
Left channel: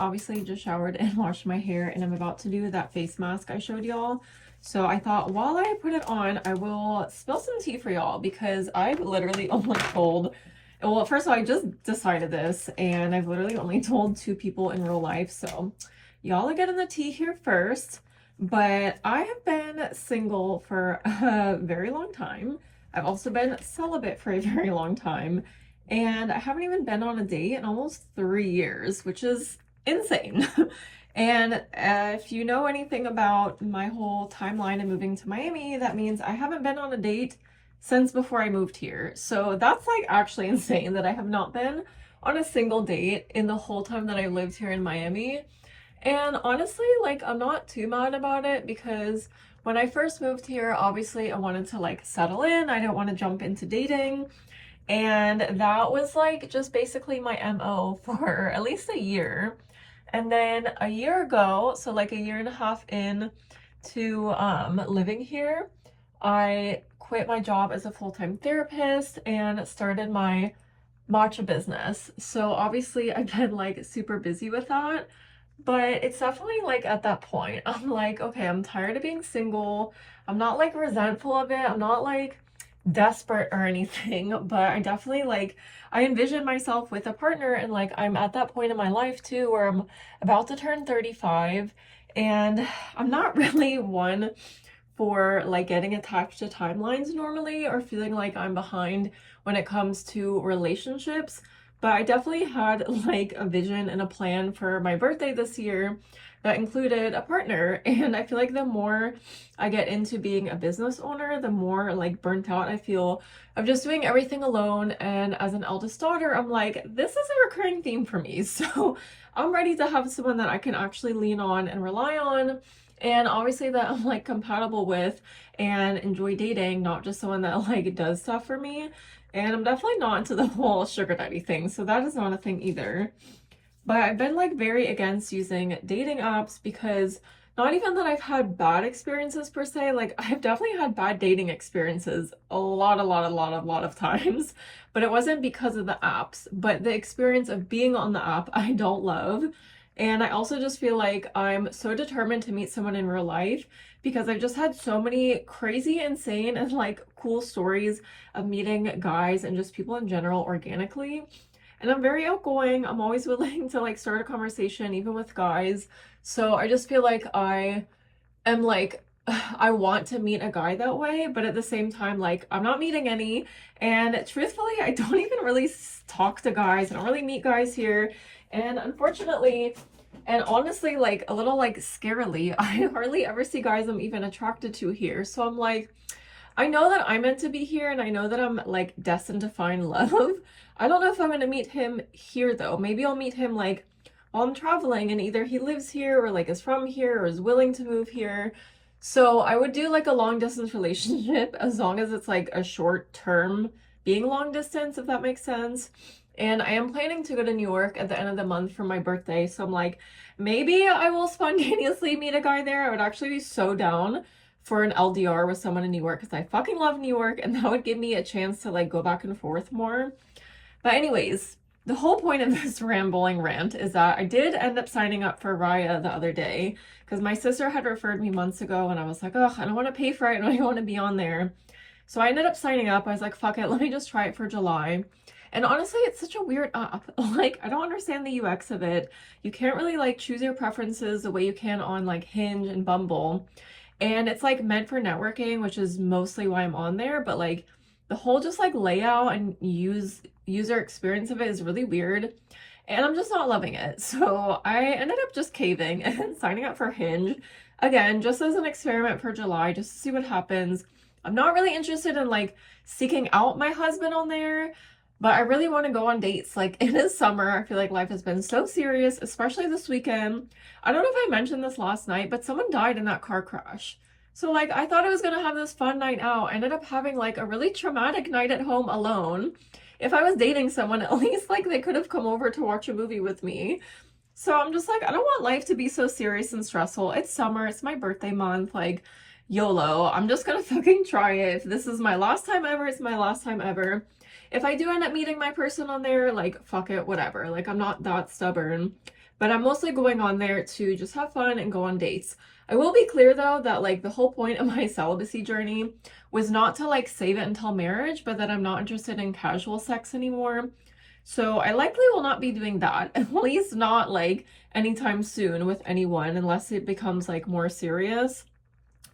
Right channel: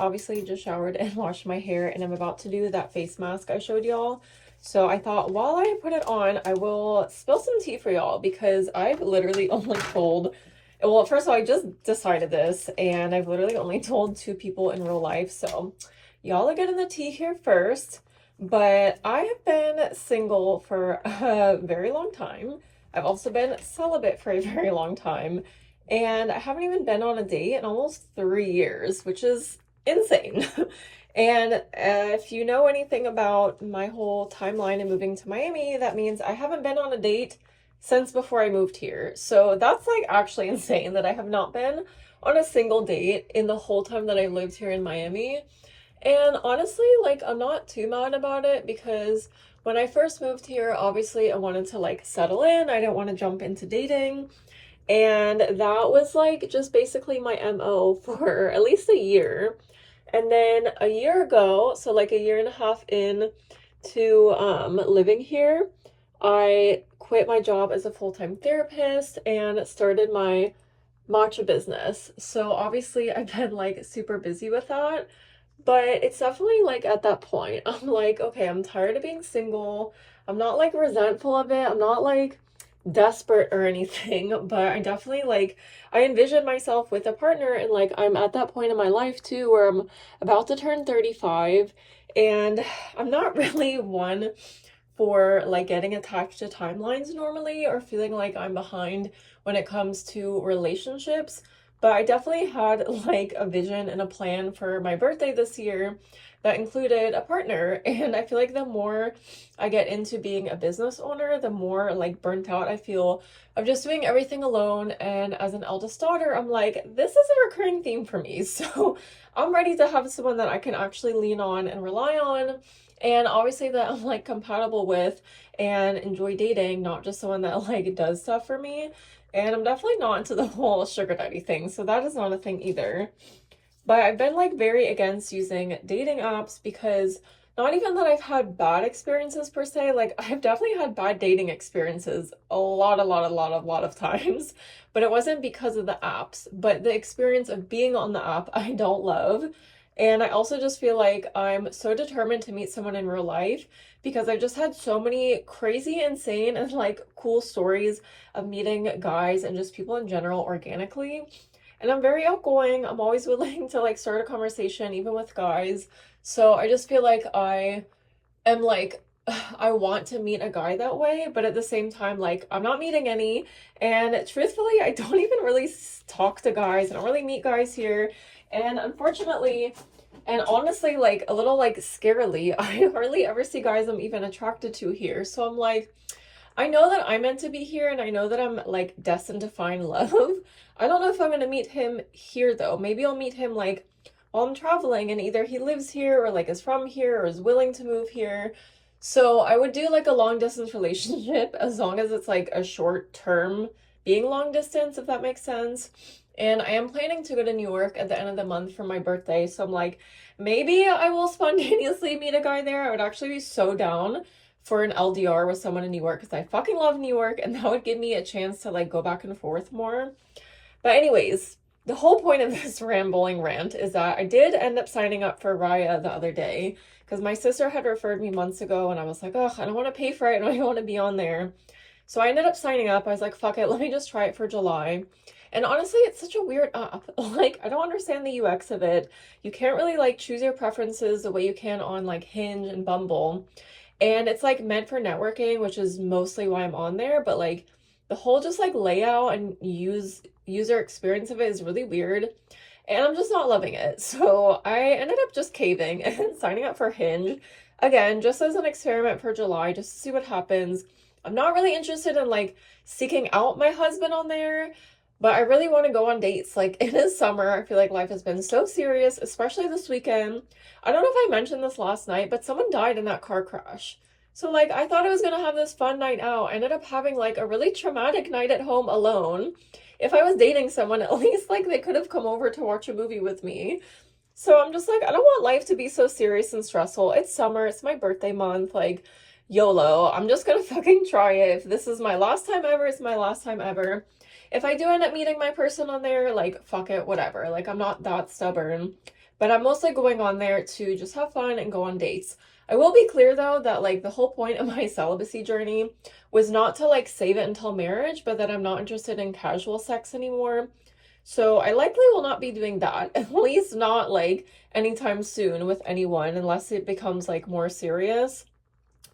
Obviously just showered and washed my hair, and I'm about to do that face mask I showed y'all. So I thought while I put it on, I will spill some tea for y'all, because I've literally only told, well, first of all, I just decided this and I've literally only told 2 people in real life. So y'all are getting the tea here first. But I have been single for a very long time. I've also been celibate for a very long time. And I haven't even been on a date in almost 3 years, which is insane. And if you know anything about my whole timeline of moving to Miami, that means I haven't been on a date since before I moved here. So that's like actually insane that I have not been on a single date in the whole time that I lived here in Miami. And honestly, like, I'm not too mad about it, because when I first moved here, obviously I wanted to like settle in. I didn't want to jump into dating. And that was like just basically my MO for at least a year. And then a year ago, so like a year and a half in to living here, I quit my job as a full-time therapist and started my matcha business. So obviously I've been like super busy with that, but it's definitely like at that point, I'm like, okay, I'm tired of being single. I'm not like resentful of it. I'm not like desperate or anything, but I definitely like, I envision myself with a partner, and like I'm at that point in my life too where I'm about to turn 35, and I'm not really one for like getting attached to timelines normally, or feeling like I'm behind when it comes to relationships. But I definitely had like a vision and a plan for my birthday this year that included a partner. And I feel like the more I get into being a business owner, the more like burnt out I feel of just doing everything alone. And as an eldest daughter, I'm like, this is a recurring theme for me. So I'm ready to have someone that I can actually lean on and rely on. And obviously that I'm like compatible with and enjoy dating, not just someone that like does stuff for me. And I'm definitely not into the whole sugar daddy thing, so that is not a thing either. But I've been like very against using dating apps, because not even that I've had bad experiences per se, like I've definitely had bad dating experiences a lot of times, but it wasn't because of the apps. But the experience of being on the app I don't love. And I also just feel like I'm so determined to meet someone in real life because I've just had so many crazy, insane, and like cool stories of meeting guys and just people in general organically. And I'm very outgoing. I'm always willing to like start a conversation, even with guys. So I just feel like am like I want to meet a guy that way, but at the same time, like I'm not meeting any. And truthfully, I don't even really talk to guys. I don't really meet guys here. And unfortunately, and honestly, like a little like scarily, I hardly ever see guys I'm even attracted to here. So I'm like, I know that I'm meant to be here and I know that I'm like destined to find love. I don't know if I'm gonna meet him here though. Maybe I'll meet him like while I'm traveling and either he lives here or like is from here or is willing to move here. So I would do like a long distance relationship as long as it's like a short term being long distance, if that makes sense. And I am planning to go to New York at the end of the month for my birthday. So I'm like, maybe I will spontaneously meet a guy there. I would actually be so down for an LDR with someone in New York because I fucking love New York and that would give me a chance to like go back and forth more. But anyways, the whole point of this rambling rant is that I did end up signing up for Raya the other day because my sister had referred me months ago and I was like, oh, I don't want to pay for it. I don't want to be on there. So I ended up signing up. I was like, fuck it, let me just try it for July. And honestly, it's such a weird app. Like, I don't understand the UX of it. You can't really like choose your preferences the way you can on like Hinge and Bumble. And it's like meant for networking, which is mostly why I'm on there, but like the whole just like layout and user experience of it is really weird and I'm just not loving it. So I ended up just caving and signing up for Hinge again, just as an experiment for July, just to see what happens. I'm not really interested in like seeking out my husband on there, but I really want to go on dates. Like it is summer. I feel like life has been so serious, especially this weekend. I don't know if I mentioned this last night, but someone died in that car crash. So like I thought I was gonna have this fun night out. I ended up having like a really traumatic night at home alone. If I was dating someone, at least like they could have come over to watch a movie with me. So I'm just like, I don't want life to be so serious and stressful. It's summer, it's my birthday month, like YOLO. I'm just gonna fucking try it. If this is my last time ever, it's my last time ever. If I do end up meeting my person on there, like fuck it, whatever. Like I'm not that stubborn. But I'm mostly going on there to just have fun and go on dates. I will be clear though that like the whole point of my celibacy journey was not to like save it until marriage, but that I'm not interested in casual sex anymore. So I likely will not be doing that, at least not like anytime soon with anyone unless it becomes like more serious.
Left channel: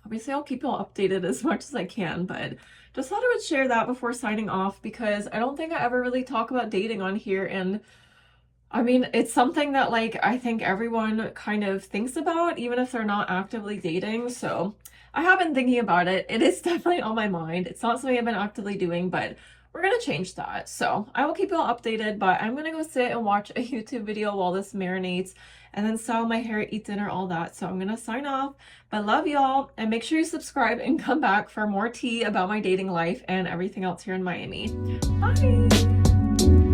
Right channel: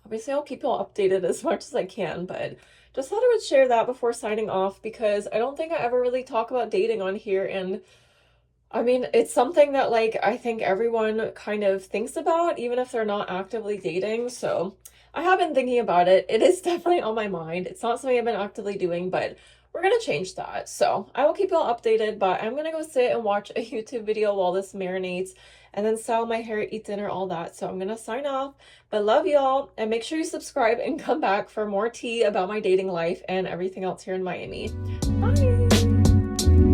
Obviously, I'll keep you all updated as much as I can, but just thought I would share that before signing off because I don't think I ever really talk about dating on here. And I mean, it's something that like I think everyone kind of thinks about, even if they're not actively dating. So I have been thinking about it. It is definitely on my mind. It's not something I've been actively doing, but we're gonna change that. So I will keep you all updated, but I'm gonna go sit and watch a YouTube video while this marinates and then style my hair, eat dinner, all that. So I'm gonna sign off, but love y'all and make sure you subscribe and come back for more tea about my dating life and everything else here in Miami. Bye.